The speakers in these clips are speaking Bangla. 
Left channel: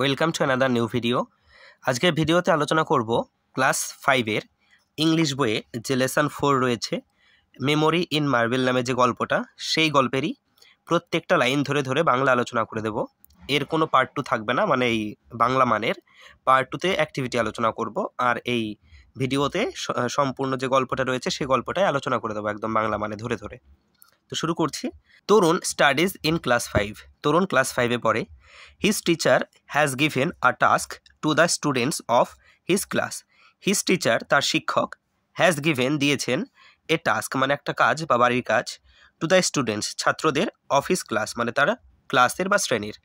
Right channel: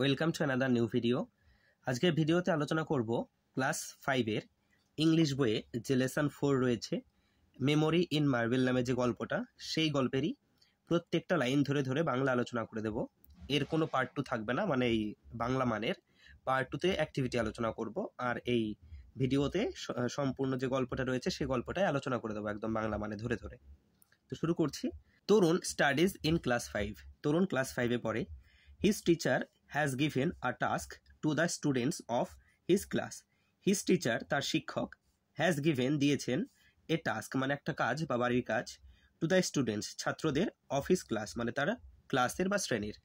Welcome to another new video. আজকের ভিডিওতে আলোচনা করব ক্লাস 5-এর ইংলিশ বইয়ে যে লেসন 4 রয়েছে মেমোরি ইন মার্বেল নামে যে গল্পটা, সেই গল্পেরই প্রত্যেকটা লাইন ধরে ধরে বাংলা আলোচনা করে দেব। এর কোনো পার্ট 2 থাকবে না, মানে এই বাংলা মানের পার্ট 2তে অ্যাক্টিভিটি আলোচনা করব, আর এই ভিডিওতে সম্পূর্ণ যে গল্পটা রয়েছে সেই গল্পটাই আলোচনা করে দেবো একদম বাংলা মানে ধরে ধরে। তো শুরু করছি। Tarun studies in class 5। Tarun class 5-এ পড়ে। His teacher has given a task to the students of his class. His teacher তার শিক্ষক হ্যাজ গিভেন দিয়েছেন এ টাস্ক মানে একটা কাজ বা বাড়ির কাজ, টু দ্য স্টুডেন্টস ছাত্রদের অফ হিজ ক্লাস মানে তার ক্লাসের বা শ্রেণীর।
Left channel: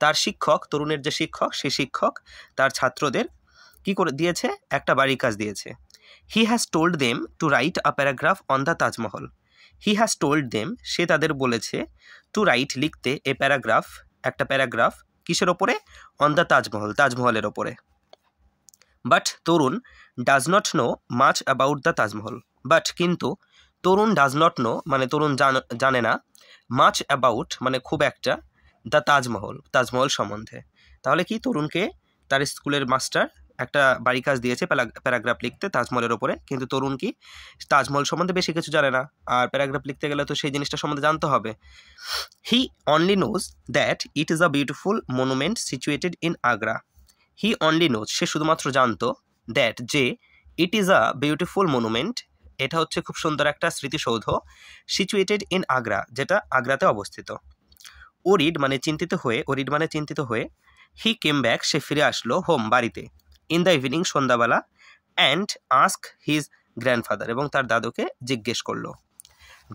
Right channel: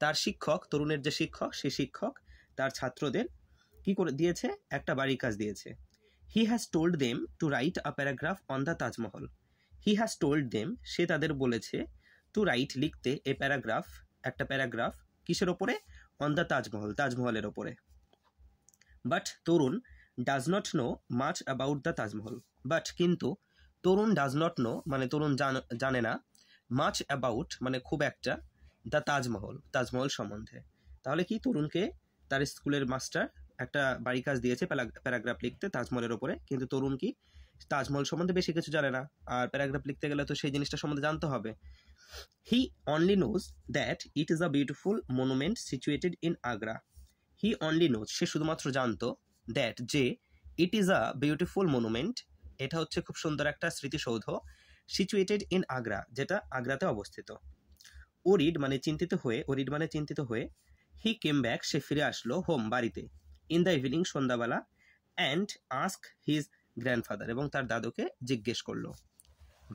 তার শিক্ষক, তরুণের যে শিক্ষক, সেই শিক্ষক তার ছাত্রদের কি করে দিয়েছে, একটা বাড়ির কাজ দিয়েছে। He has told them to write a paragraph on the Taj Mahal. He has told them সে তাদের বলেছে, টু রাইট লিখতে, এ প্যারাগ্রাফ একটা প্যারাগ্রাফ কিসের ওপরে, অন দ্য তাজমহল তাজমহলের ওপরে। But Tarun does not know much about the Taj Mahal. But কিন্তু তরুণ ডাজ নট নো মানে তরুণ জানে না, মাচ অ্যাবাউট মানে খুব একটা, দ্য তাজমহল তাজমহল সম্বন্ধে। তাহলে কি, তরুণকে তার স্কুলের মাস্টার একটা বাড়ি কাজ দিয়েছে প্যারাগ্রাফ লিখতে তাজমহলের ওপরে, কিন্তু তরুণ কি তাজমহল সম্বন্ধে বেশি কিছু জানে না, আর প্যারাগ্রাফ লিখতে গেলে তো সেই জিনিসটা সম্বন্ধে জানতে হবে। He only knows that it is a beautiful monument situated in Agra. He only knows সে শুধুমাত্র জানতো, দ্যাট যে, it is a beautiful monument এটা হচ্ছে খুব সুন্দর একটা স্মৃতিসৌধ, সিচুয়েটেড ইন আগ্রা যেটা আগ্রাতে অবস্থিত। ওরিড মানে চিন্তিত হয়ে, ওরিড মানে চিন্তিত হয়ে, হি কেম ব্যাক সে ফিরে আসলো, হোম বাড়িতে, ইন দ্য ইভিনিং সন্ধ্যাবেলা, অ্যান্ড আস্ক হিজ গ্র্যান্ডফাদার এবং তার দাদুকে জিজ্ঞেস করলো,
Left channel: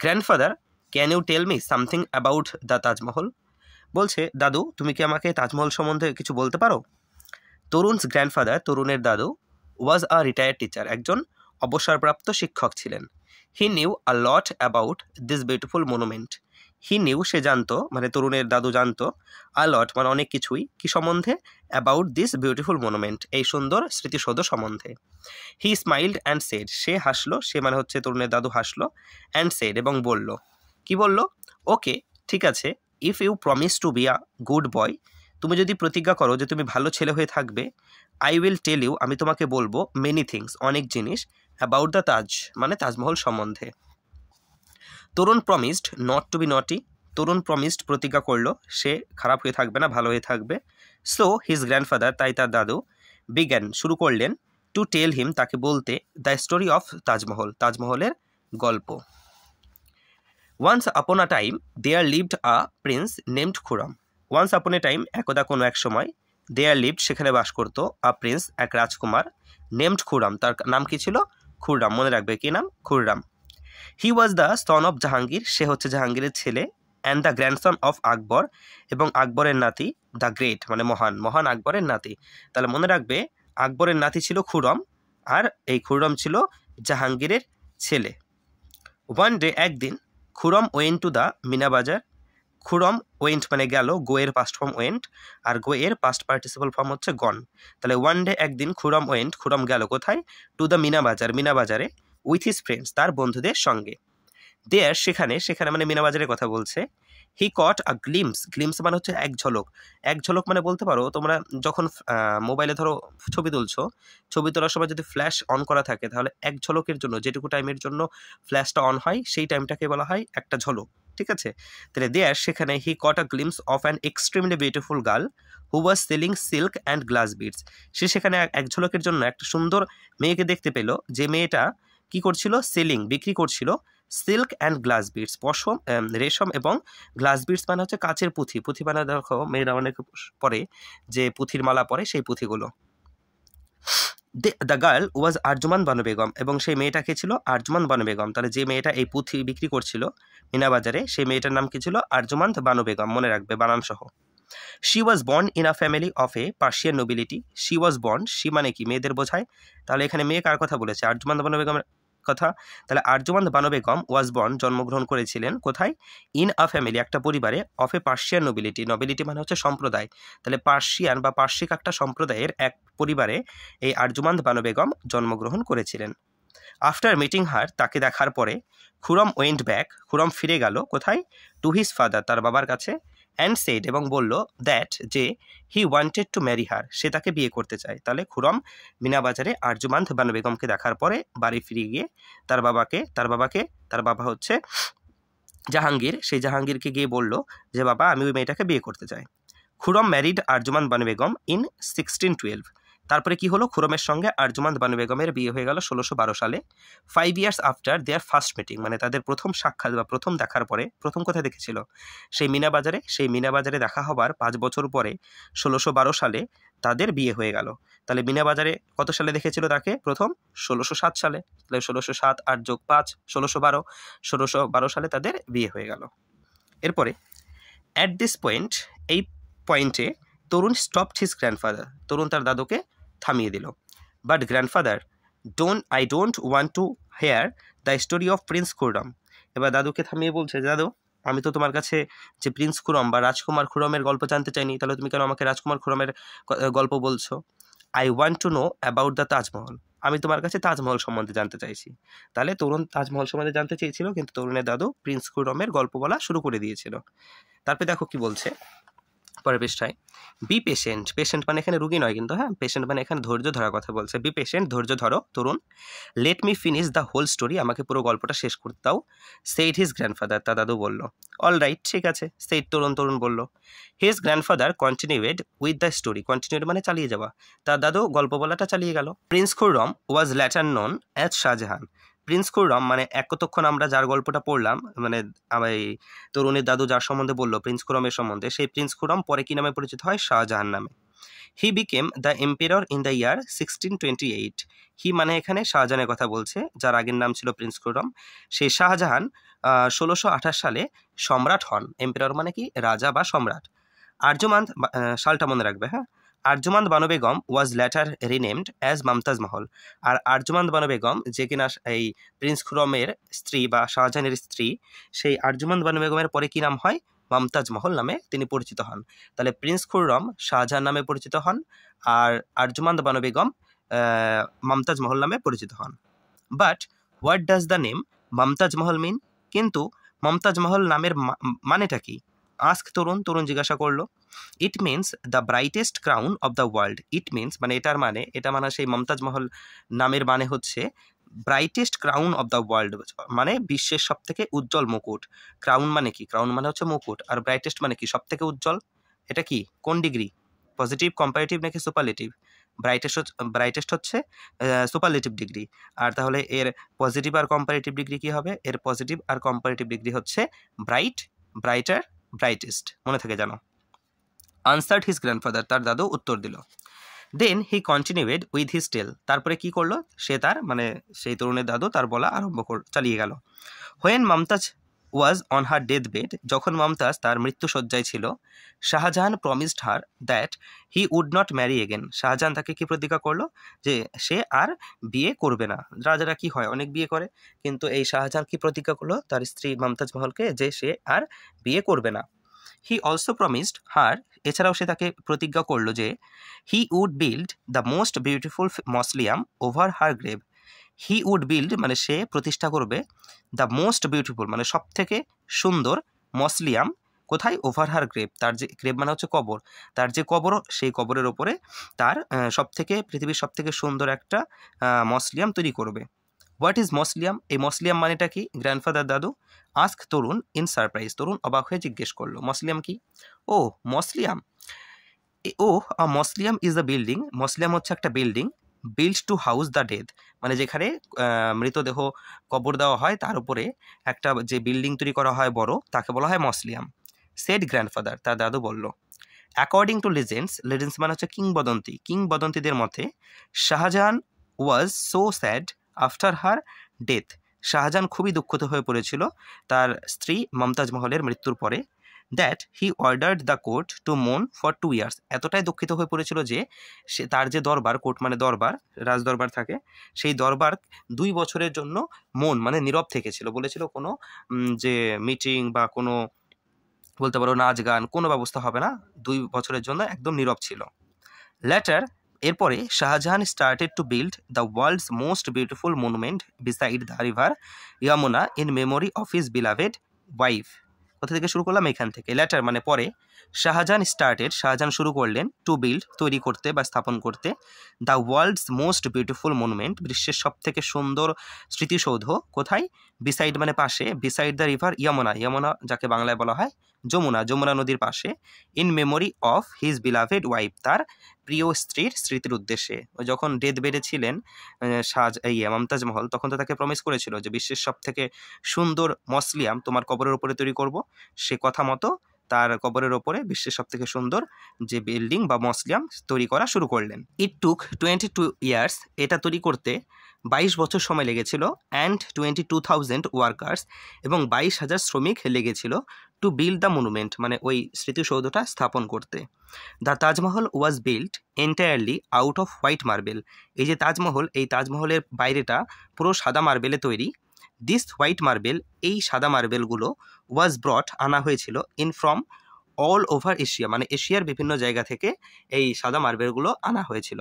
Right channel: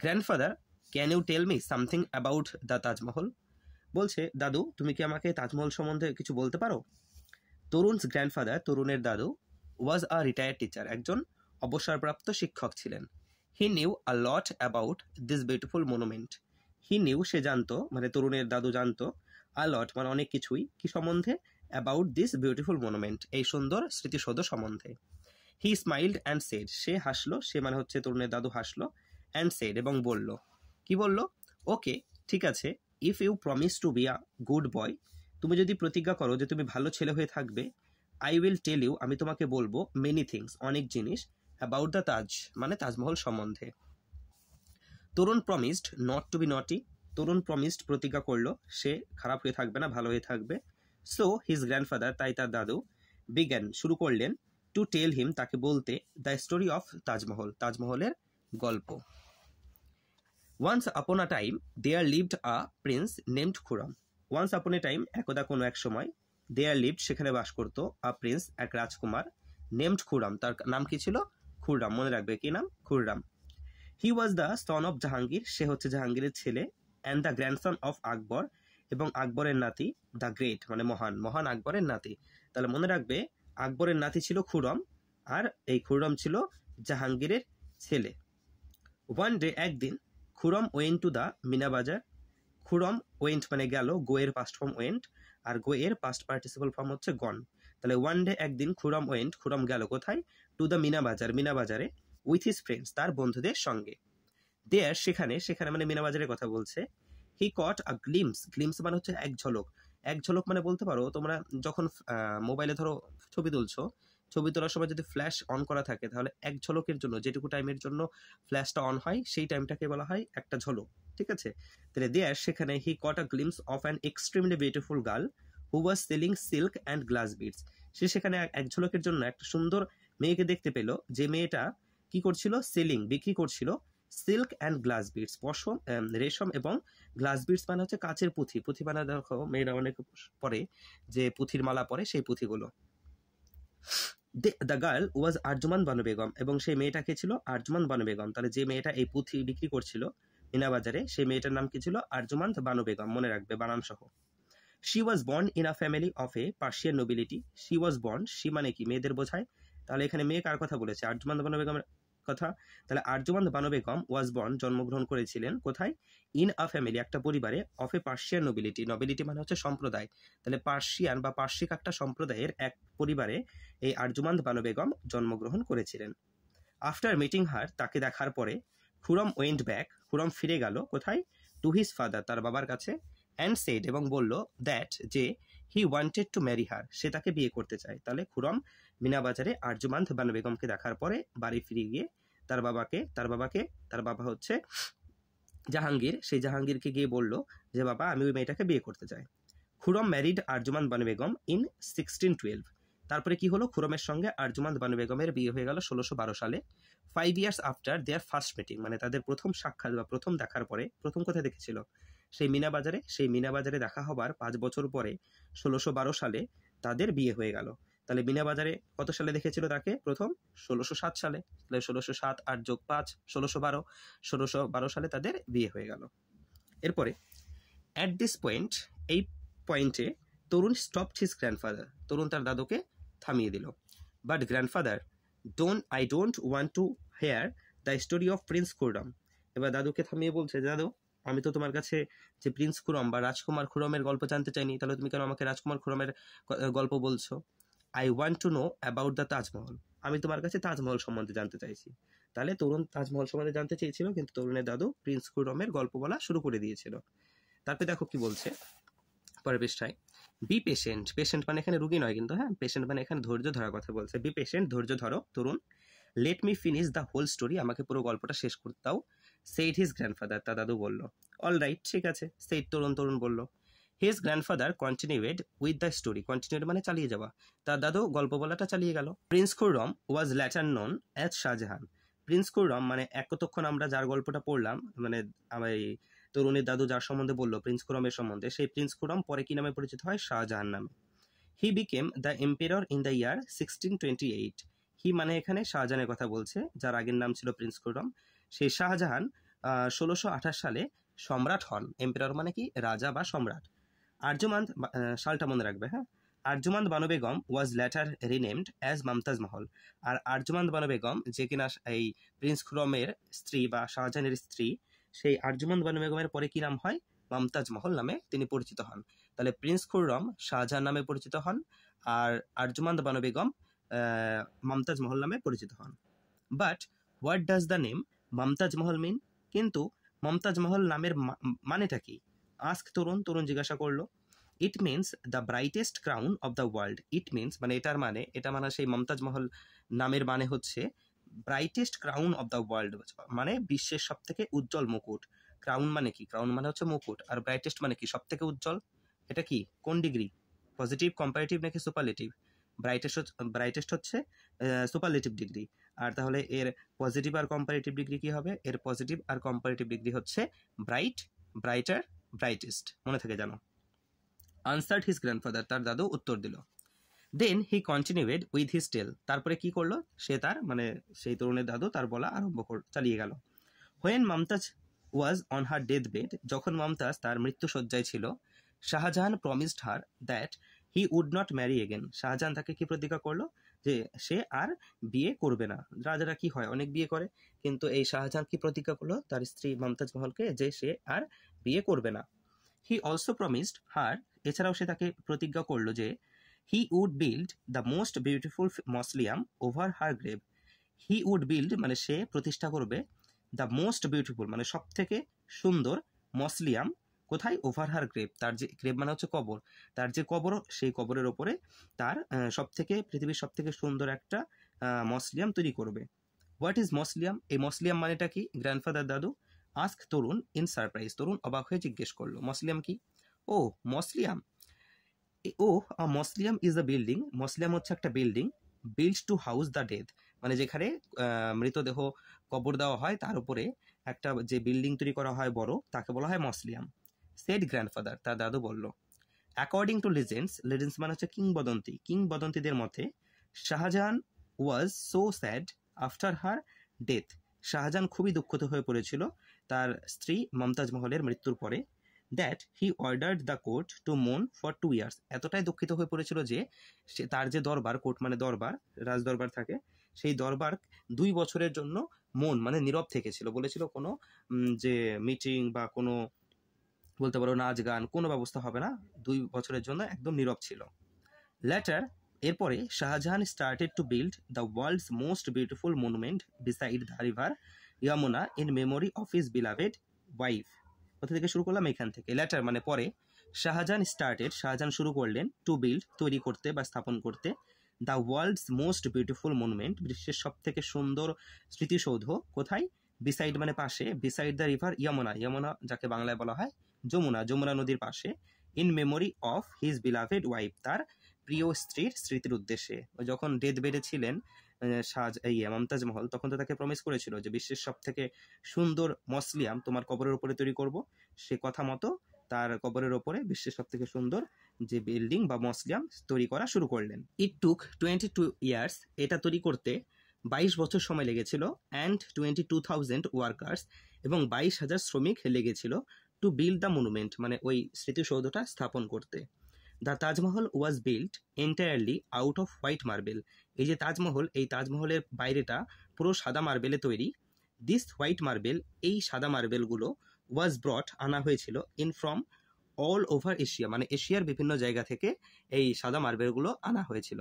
grandfather can you tell me something about the Taj Mahal. বলছে, দাদু তুমি কি আমাকে তাজমহল সম্বন্ধে কিছু বলতে পারো। তরুণস গ্র্যান্ডফাদার তরুণের দাদু ওয়াজ আ রিটায়ার্ড টিচার একজন অবসরপ্রাপ্ত শিক্ষক ছিলেন। He knew a lot about this beautiful monument. He knew সে জানতো মানে তরুণের দাদু জানতো, আ লট মানে অনেক কিছুই, কি সম্বন্ধে, অ্যাবাউট দিস বিউটিফুল মনুমেন্ট এই সুন্দর স্মৃতিসৌধ সম্বন্ধে। হি স্মাইল্ড অ্যান্ড সেড সে হাসলো, সে মানে হচ্ছে তরুণের দাদু হাসলো, অ্যান্ড সেড এবং বলল, কি বলল, ওকে ঠিক আছে, if you promise to be a good boy তুমি যদি প্রতিজ্ঞা করো যে তুমি ভালো ছেলে হয়ে থাকবে, আই উইল টেল ইউ আমি তোমাকে বলবো, মেনি থিংস অনেক জিনিস, অ্যাবাউট দ্য তাজ মানে তাজমহল সম্বন্ধে। তরুণ প্রমিসড নট টু বি নটি তরুণ প্রমিসড প্রতিজ্ঞা করলো সে খারাপ হয়ে থাকবে না, ভালো হয়ে থাকবে। সো হিজ গ্র্যান্ডফাদার তাই তার দাদু বিজ্ঞান শুরু করলেন, টু টেল হিম তাকে বলতে, দ্য স্টোরি অফ তাজমহল তাজমহলের গল্প। Once upon a time there lived a prince named Khurram. Once upon a time একদা কোনো এক সময়, দেয়ার লিভড সেখানে বাস করতো, আ প্রিন্স এক রাজকুমার, নেমড খুরম তার নাম কি ছিল, খুররাম, মনে রাখবে কি নাম, Khurram. He was the son of Jahangir সে হচ্ছে জাহাঙ্গীরের ছেলে, and the grandson of Akbar এবং আকবরের নাতি, দ্য গ্রেট মানে মহান, মহান আকবরের নাতি। তাহলে মনে রাখবে আকবরের নাতি ছিল খুরম, আর এই খুরম ছিল জাহাঙ্গীরের ছেলে। ওয়ান ডে একদিন, Khurram went to the Meena Bazaar. Khurram went মানে গেল, গোয়ের পাস্ট ফর্ম ওয়েন্ট, আর গোয়ের পাস্ট পার্টিসিপল ফর্ম হচ্ছে গন। তাহলে ওয়ান ডে একদিন খুরম ওয়েন্ট খুরম গেল কোথায়, টু দ্য মিনা বাজার মিনা বাজারে, উইথ হিজ ফ্রেন্ডস তার বন্ধুদের সঙ্গে। দেয়ার সেখানে, সেখানে মানে মিনা বাজারের কথা বলছে। হি কট আ গ্লিমস, গ্লিমস মানে হচ্ছে এক ঝলক, এক ঝলক মানে বলতে পারো তোমরা যখন মোবাইলে ধরো ছবি তুলছো, ছবি তোলার সময় যদি ফ্ল্যাশ অন করা থাকে তাহলে এক ঝলকের জন্য যেটুকু টাইমের জন্য ফ্ল্যাশটা অন হয় সেই টাইমটাকে বলা হয় একটা ঝলক, ঠিক আছে। তাহলে দেয়ার সেখানে, he caught a glimpse of an extremely beautiful girl who was selling silk and glass beads. সে সেখানে এক ঝলকের জন্য একটা সুন্দর মেয়েকে দেখতে পেল, যে মেয়েটা কি করছিল, সেলিং বিক্রি করছিল, সিল্ক অ্যান্ড গ্লাস বিডস পশম রেশম এবং গ্লাস বিডস মানে হচ্ছে কাচের পুঁথি, পুঁথি মানে দেখো মেয়েরা অনেক পরে যে পুঁথির মালা পরে সেই পুঁথিগুলো। The girl was Arjuman Banu Begum এবং সেই মেয়েটাকে ছিল আরজুমান বানু বেগম। তাহলে যে মেয়েটা এই পুঁথি বিক্রি করছিল মিনা বাজারে, সেই মেয়েটার নাম কি ছিল, আরজুমান বানু বেগম, মনে রাখবে বানান সহ। She was born in a family of A Persian nobility. She was born, she মানে কি মেয়েদের বোঝায়, তাহলে এখানে মেয়ে কার কথা বলেছে, আরজুমান বানু বেগমের কথা। তাহলে আরজুমান বানু বেগম ওয়াজ বর্ন জন্মগ্রহণ করেছিলেন কোথায়, ইন আ ফ্যামিলি একটা পরিবারে, of A Persian nobility nobility মানে হচ্ছে সম্প্রদায়, তাহলে পার্সিয়ান বা পার্শ্বিক একটা সম্প্রদায়ের এক পরিবারে এই আরজুমান বানু বেগম জন্মগ্রহণ করেছিলেন। আফটার মিটিং হার তাকে দেখার পরে, খুরম ওয়েন্ট ব্যাক খুরম ফিরে গেল কোথায়, টু হিজ ফাদার তার বাবার কাছে, অ্যান্ড সেড এবং বলল দ্যাট যে he wanted to marry her, সে তাকে বিয়ে করতে চায়। তাহলে খুরম মিনা বাজারে আরজুমান্দ বানু বেগমকে দেখার পরে বাড়ি ফিরে গিয়ে তার বাবা হচ্ছে জাহাঙ্গীর, সেই জাহাঙ্গীরকে গিয়ে বলল যে বাবা আমি ওই মেয়েটাকে বিয়ে করতে চাই। Khurram married Arjuman Banu Begum in 1612। তারপরে কি হলো, খুরমের সঙ্গে আরজুমান বানু বেগমের বিয়ে হয়ে গেল 1612 সালে। 5 years after their first meeting, মানে তাদের প্রথম সাক্ষাৎ বা প্রথম দেখার পরে, প্রথম কোথায় দেখেছিল, সেই মিনা বাজারে দেখা হবার 5 বছর পরে 1612 সালে তাদের বিয়ে হয়ে গেল। তাহলে মিনা বাজারে কত সালে দেখেছিল তাকে প্রথম? 1607 সালে। তাহলে 1607 8 যোগ 5 1612 সালে তাদের বিয়ে হয়ে গেল। এরপরে অ্যাট দিস পয়েন্ট, এই পয়েন্টে Tarun stopped his grandfather, Tarun তার দাদুকে থামিয়ে দিল। But grandfather I don't want to hear the story of prince Khurram. এবার দাদুকে থামিয়ে বলছে, দাদু আমি তো তোমার কাছে যে প্রিন্স খুরম বা রাজকুমার খুরমের গল্প জানতে চাইনি, তাহলে তুমি কেন আমাকে রাজকুমার খুরমের গল্প বলছো? I want to know about the Taj Mahal, আমি তোমার কাছে তাজমহল সম্বন্ধে জানতে চাইছি। তাহলে তরুণ তাজমহল সম্বন্ধে জানতে চেয়েছিল, কিন্তু তরুণের দাদু প্রিন্স খুরমের গল্প বলা শুরু করে দিয়েছিল। তারপরে দেখো কি বলছে পরের পৃষ্ঠায়, বি পেশেন্ট, পেশেন্ট মানে এখানে রুগী নয় কিন্তু, হ্যাঁ পেশেন্ট মানে এখানে ধৈর্য ধরার কথা বলছে। বি পেশেন্ট, ধৈর্য ধরো Tarun. Let me finish the whole story, আমাকে পুরো গল্পটা শেষ করতে দাও। সেইড হিজ গ্র্যান্ডফাদার, তার দাদু বলল। অল রাইট, ঠিক আছে, সেইড তরুণ বলল। His grandfather continued with the story, continued মানে চালিয়ে যাওয়া, তার দাদু গল্প বলাটা চালিয়ে গেল। Prince Khurram was later known as Shah Jahan, prince Khurram মানে এতক্ষণ আমরা যার গল্পটা পড়লাম, মানে এই তরুণের দাদু যার সম্বন্ধে বললো প্রিন্স খুরমের সম্বন্ধে, সেই প্রিন্স খুরম পরে কি নামে পরিচিত হয়? শাহজাহান নামে। He became the emperor in the year 1628। হি মানে এখানে শাহজাহানের কথা বলছে, যার আগের নাম ছিল প্রিন্স খুরম। সেই শাহজাহান 1628 সালে সম্রাট হন। এম্পেরর মানে কি? রাজা বা সম্রাট। আরজুমান্দ, সালটা মনে রাখবে, হ্যাঁ। আরজুমান্দ বানু বেগম ওয়াজ letter renamed as Mumtaz Mahal. আর আরজুমান্দ বানু বেগম যে কিনা এই প্রিন্স খুরমের স্ত্রী বা শাহজাহানের স্ত্রী, সেই আরজুমান্দ বানু বেগমের পরে কি নাম হয়? মমতাজ মহল নামে তিনি পরিচিত হন। তাহলে প্রিন্স খুররম শাহজাহান নামে পরিচিত হন, আর আরজুমান্দ বানু বেগম মমতাজ মহল নামে পরিচিত হন। But what does the name Mumtaz Mahal mean? কিন্তু মমতাজ মহল নামের মানেটা কি? আস্ক তরুণ জিজ্ঞাসা করলো। It means the brightest crown of the world. It means মানে এটা মানে সেই মমতাজ মহল নামের মানে হচ্ছে brightest crown of the world, মানে বিশ্বের সব থেকে উজ্জ্বল মুকুট। ক্রাউন মানে কি? ক্রাউন মানে হচ্ছে মুকুট। আর ব্রাইটেস্ট মানে কি? সব থেকে উজ্জ্বল। এটা কি কোন ডিগ্রি? পজিটিভ, কম্পারেটিভ নাকি সুপারলেটিভ? ব্রাইটেস্ট হচ্ছে সুপারলেটিভ ডিগ্রি। আর তাহলে এর পজিটিভ আর কম্পারেটিভ ডিগ্রি কি হবে? এর পজিটিভ আর কম্পারেটিভ ডিগ্রি হচ্ছে ব্রাইট, ব্রাইটার, ব্রাইটেস্ট। মনে থেকে জানো। আনসার্ড হিজ গ্র্যান্ডফাদার, তার দাদু উত্তর দিল। দেন হি কন্টিনিউয়েড উইথ হিজ টেল, তারপরে কি করলো সে? তার মানে সেই তরুণের দাদু তার বলা চালিয়ে গেল। When Mumtaz was on her death bed, যখন মমতাজ তার মৃত্যুশয্যায় ছিল, Shah Jahan promised her that he would not marry again. Shah Jahan তাকে কি প্রতিজ্ঞা করলো? যে সে আর বিয়ে করবে না। রাজারা কি হয়, অনেক বিয়ে করে, কিন্তু এই শাহজাহান কি প্রতিজ্ঞা করলো তার স্ত্রী মমতাজ মহলকে? যে সে আর বিয়ে করবে না। হি অলসো প্রমিসড হার, এছাড়াও সে তাকে প্রতিজ্ঞা করলো যে he would build the most beautiful mausoleum over her grave. He would build মানে সে প্রতিষ্ঠা করবে, দ্য মোস্ট বিউটিফুল মানে সব থেকে সুন্দর, মসলিয়াম কোথায়? ওভার হার গ্রেভ, তার যে গ্রেভ মানে হচ্ছে কবর, তার যে কবর, সেই কবরের ওপরে তার পৃথিবীর সব থেকে সুন্দর একটা মসলিয়াম তৈরি করবে। What is mausoleum? এই মসলিয়াম মানেটা কি? গ্র্যান্ডফাদার দাদু ask Tarun in surprise, Tarun অবাক হয়ে জিজ্ঞেস করলো মসলিয়াম কি? Oh mausoleum, mausoleum is the building, mausoleum হচ্ছে একটা building, build to house the dead, মানে যেখানে মৃতদেহ কবর দেওয়া হয় তার উপরে একটা যে বিল্ডিং তৈরি করা হয় বড়, তাকে বলা হয় মসলিয়াম। সেড গ্র্যান্ডফাদার, তার দাদু বলল। অ্যাকর্ডিং টু লেজেন্ডস, লেজেন্ডস মানে হচ্ছে কিংবদন্তি, কিংবদন্তিদের মতে Shahjahan was so sad after her death, Shahjahan খুবই দুঃখিত হয়ে পড়েছিল তার স্ত্রী মমতাজ মহলের মৃত্যুর পরে, that he ordered the court two মোন ফর 2 ইয়ার্স, এতটাই দুঃখিত হয়ে পড়েছিল যে সে তার যে দরবার, কোর্ট মানে দরবার, রাজদরবার থাকে, সেই দরবার 2 বছরের জন্য মন মানে নীরব থেকেছিল। বলেছিল কোনো যে মিটিং বা কোনো বলতে পারো নাচ গান, কোনো ব্যবস্থা হবে না, 2 বছরের জন্য একদম নীরব ছিল। লেটার, এরপরে Shah Jahan started to build the world's most beautiful monument beside the river Yamuna in memory of his beloved wife. কোথা থেকে শুরু করলাম? এখান থেকে। লেটার মানে পরে, শাহজাহান শুরু করলেন টু বিল্ড তৈরি করতে বা স্থাপন করতে the world's most beautiful monument বিশ্বের সব থেকে সুন্দর স্মৃতিসৌধ কোথায় বিসাইড মানে পাশে বিসাইড দ্য রিভার যমুনা যাকে বাংলায় বলা হয় যমুনা নদীর পাশে in memory of his beloved wife তার প্রিয় স্ত্রীর স্মৃতির উদ্দেশ্যে যখন ডেথ বেডে ছিলেন মমতাজ মহল তখন তো তাকে প্রমিস করেছিল যে বিশ্বের সব থেকে সুন্দর মসলিয়াম তোমার কবরের উপরে তৈরি করব সে কথা মতো তার কবরের ওপরে বিশ্বের সব থেকে সুন্দর যে বিল্ডিং বা মসলিয়াম তৈরি করা শুরু করলেন। ইট টুক 22 ইয়ার্স এটা তৈরি করতে 22 বছর সময় লেগেছিল অ্যান্ড 22,000 ওয়ার্কার্স এবং 22,000 শ্রমিক লেগেছিল টু বিল্ড দ্য মনুমেন্ট মানে ওই স্মৃতিসৌধটা স্থাপন করতে। The Taj Mahal was build entirely out off white marble এই যে তাজমহল এই তাজমহলের বাইরেটা পুরো সাদা মার্বেলে তৈরি। দিস হোয়াইট মার্বেল এই সাদা মার্বেলগুলো ওয়াজ ব্রট আনা হয়েছিল in from all over Asia মানে এশিয়ার বিভিন্ন জায়গা থেকে এই সাদা মার্বেলগুলো আনা হয়েছিল।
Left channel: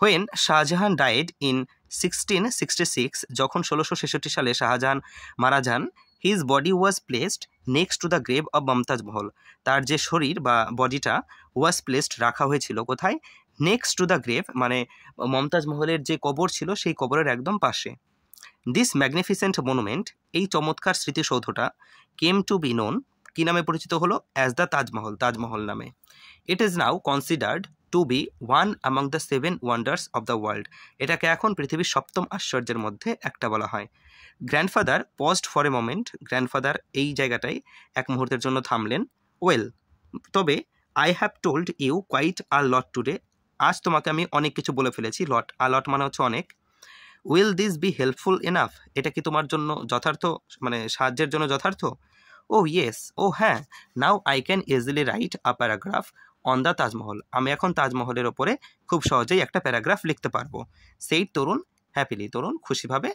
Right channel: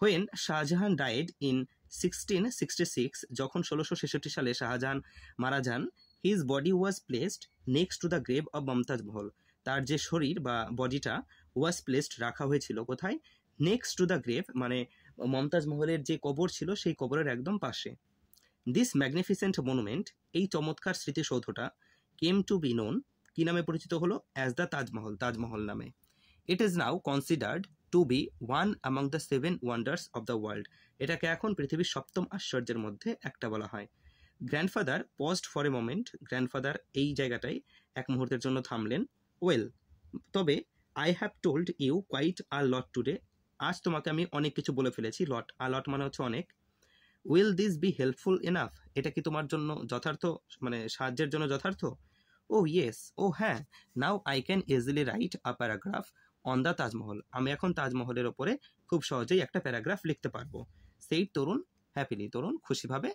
হোয়েন শাহজাহান ডায়েড ইন 1666 যখন 1666 সালে শাহজাহান মারা যান his body was placed next to the grave of Mumtaz Mahal তার যে শরীর বা বডিটা ওয়াজ প্লেসড রাখা হয়েছিল কোথায় নেক্সট টু দ্য গ্রেভ মানে মমতাজ মহলের যে কবর ছিল সেই কবরের একদম পাশে। দিস ম্যাগনিফিসেন্ট মনুমেন্ট এই চমৎকার স্মৃতিসৌধটা কেম টু বি নোন কি নামে পরিচিত হলো অ্যাজ দ্য তাজমহল নামে। It is now considered to be one among the 7 wonders of the world এটাকে এখন পৃথিবীর 7ম আশ্চর্যের মধ্যে একটা বলা হয়। Grandfather paused for a moment grandfather এই জায়গাটায় এক মুহূর্তের জন্য থামলেন। ওয়েল তবে I have told you quite a lot today আজ তোমাকে আমি অনেক কিছু বলে ফেলেছি লট মানে হচ্ছে অনেক। Will this be helpful enough এটা কি তোমার জন্য যথার্থ মানে সাহায্যের জন্য যথার্থ। ও ইয়েস ও হ্যাঁ now I can easily right a paragraph on the Taj Mahal আমি এখন তাজমহলের ওপরে খুব সহজেই একটা প্যারাগ্রাফ লিখতে পারবো। সেই তরুণ হ্যাপিলি তরুণ খুশিভাবে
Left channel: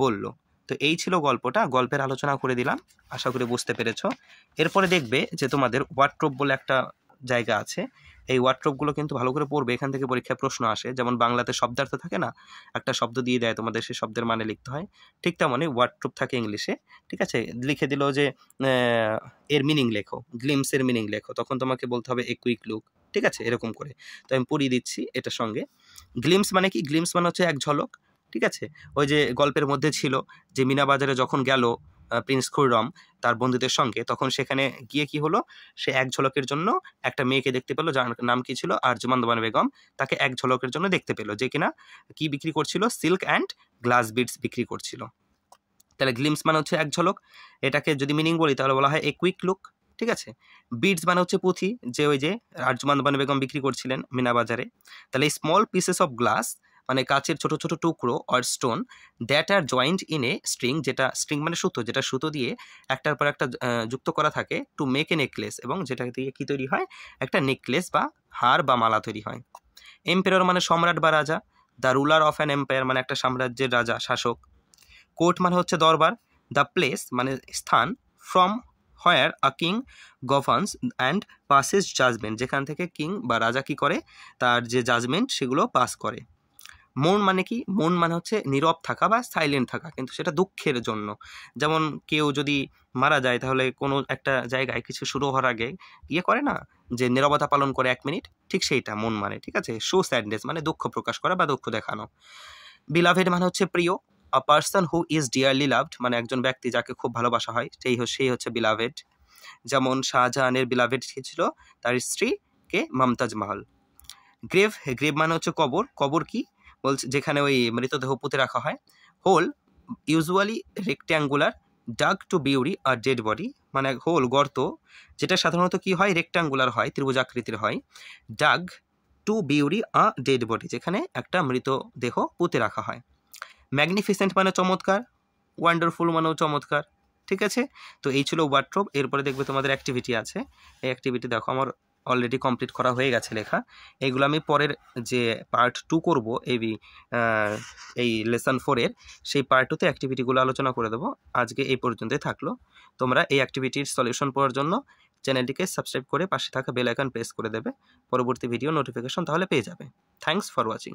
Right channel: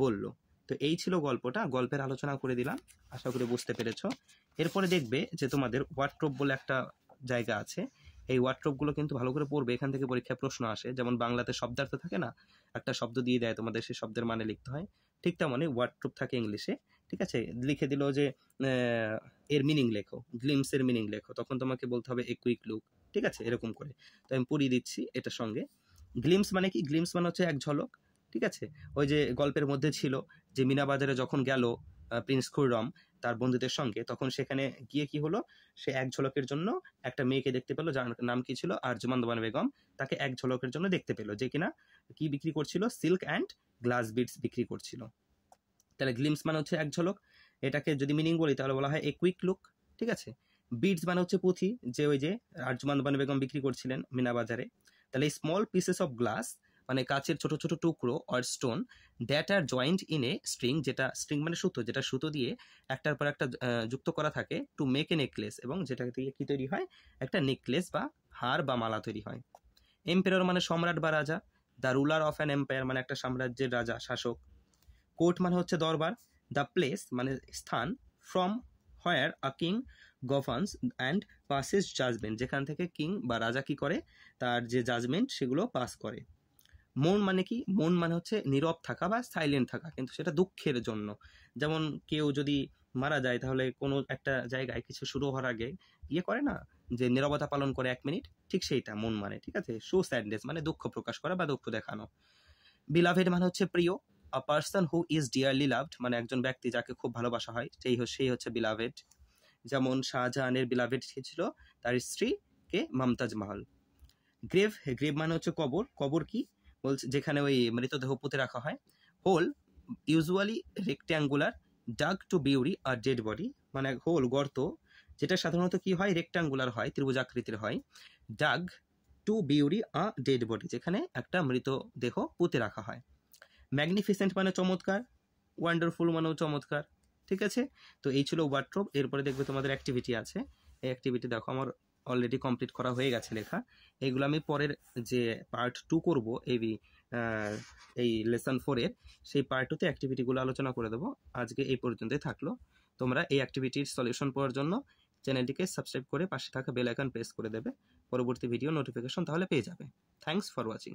বলল। তো এই ছিল গল্পটা গল্পের আলোচনা করে দিলাম আশা করি বুঝতে পেরেছো। এরপরে দেখবে যে তোমাদের ওয়ার্ড্রোব বলে একটা জায়গা আছে এই ওয়ার্ড্রোবগুলো কিন্তু ভালো করে পড়বে এখান থেকে পরীক্ষায় প্রশ্ন আসে যেমন বাংলাতে শব্দার্থ থাকে না একটা শব্দ দিয়ে দেয় তোমাদের সেই শব্দের মানে লিখতে হয় ঠিক তেমনই ওয়ার্ড্রোব থাকে ইংলিশে ঠিক আছে লিখে দিল যে এর মিনিং লেখো গ্লিমসের মিনিং লেখো তখন তোমাকে বলতে হবে এ কুইক লুক ঠিক আছে এরকম করে। তো আমি পড়িয়ে দিচ্ছি এটার সঙ্গে। গ্লিমস মানে কি গ্লিমস মানে হচ্ছে এক ঝলক ঠিক আছে ওই যে গল্পের মধ্যে ছিল যে মিনা বাজারে যখন গেল প্রিন্স খুররম তার বন্ধুদের সঙ্গে তখন সেখানে গিয়ে কি হলো সে এক ঝলকের জন্য একটা মেয়েকে দেখতে পেলো যার নাম কি ছিল আরজুমান দোমান বেগম তাকে এক ঝলকের জন্য দেখতে পেলো যে কিনা কি বিক্রি করছিল সিল্ক অ্যান্ড গ্লাস বিডস বিক্রি করছিল। তাহলে গ্লিমস মানে হচ্ছে এক ঝলক এটাকে যদি মিনিং বলি তাহলে বলা হয় এ কুইক লুক ঠিক আছে। বিডস মানে হচ্ছে পুঁথি যে ওই যে আরজুমান দোমান বেগম বিক্রি করছিলেন মিনা বাজারে। তাহলে স্মল পিসেস অফ গ্লাস মানে কাচের ছোট ছোট টুকরো or stone that are joint in a string যেটা স্ট্রিং মানে সুতো যেটা সুতো দিয়ে একটার পর একটা যুক্ত করা থাকে টু মেক এ নেকলেস এবং যেটা দিয়ে কী তৈরি হয় একটা নেকলেস বা হার বা মালা তৈরি হয়। এম্পায়ার মানে সম্রাট বা রাজা the ruler of an empire মানে একটা সাম্রাজ্যের রাজা শাসক। কোর্ট মানে হচ্ছে দরবার। দ্য প্লেস মানে স্থান from where a king governs and passes judgement যেখান থেকে কিং বা রাজা কি করে তার যে জাজমেন্ট সেগুলো পাস করে। মৌন মানে কি মৌন মানে হচ্ছে নীরব থাকা বা সাইলেন্ট থাকা কিন্তু সেটা দুঃখের জন্য যেমন কেউ যদি মারা যায় তাহলে কোনো একটা জায়গায় কিছু শুরু হওয়ার আগে ইয়ে করে না যে নীরবতা পালন করে 1 মিনিট ঠিক সেইটা মন মানে ঠিক আছে। শো স্যাডনেস মানে দুঃখ প্রকাশ করা বা দুঃখ দেখানো। বিলাভেড মানে হচ্ছে প্রিয়। A person who is dearly loved মানে একজন ব্যক্তি যাকে খুব ভালোবাসা হয় সেই হচ্ছে বিলাভেড। যেমন শাহজাহানের বিলাভেড ছিল তার স্ত্রী কে মমতাজ মহল। গ্রেভ মানে হচ্ছে কবর কি বলছে যেখানে ওই মৃতদেহ পুঁতে রাখা হয়। Hole usually rectangular dug to bury a dead body মানে হোল গর্ত যেটা সাধারণত কি হয় রেক্ট্যাঙ্গুলার হয় ত্রিভুজাকৃতির হয়। Dug to bury a dead body যেখানে একটা মৃতদেহ পুঁতে রাখা হয়। ম্যাগনিফিসেন্ট মানে চমৎকার ওয়ান্ডারফুল মানেও চমৎকার ঠিক আছে। তো এই ছিল ওয়ার্ড্রোব। এরপরে দেখবে তোমাদের অ্যাক্টিভিটি আছে এই অ্যাক্টিভিটি দেখো আমার অলরেডি কমপ্লিট করা হয়ে গেছে লেখা এইগুলো আমি পরের যে পার্ট 2 করবো এই লেসন 4-এর সেই পার্ট 2তে অ্যাক্টিভিটিগুলো আলোচনা করে দেবো। আজকে এই পর্যন্তই থাকলো। তোমরা এই অ্যাক্টিভিটির সলিউশন পাওয়ার জন্য চ্যানেলটিকে সাবস্ক্রাইব করে পাশে থাকা বেল আইকন প্রেস করে দেবে পরবর্তী ভিডিও নোটিফিকেশন তাহলে পেয়ে যাবে। Thanks for watching.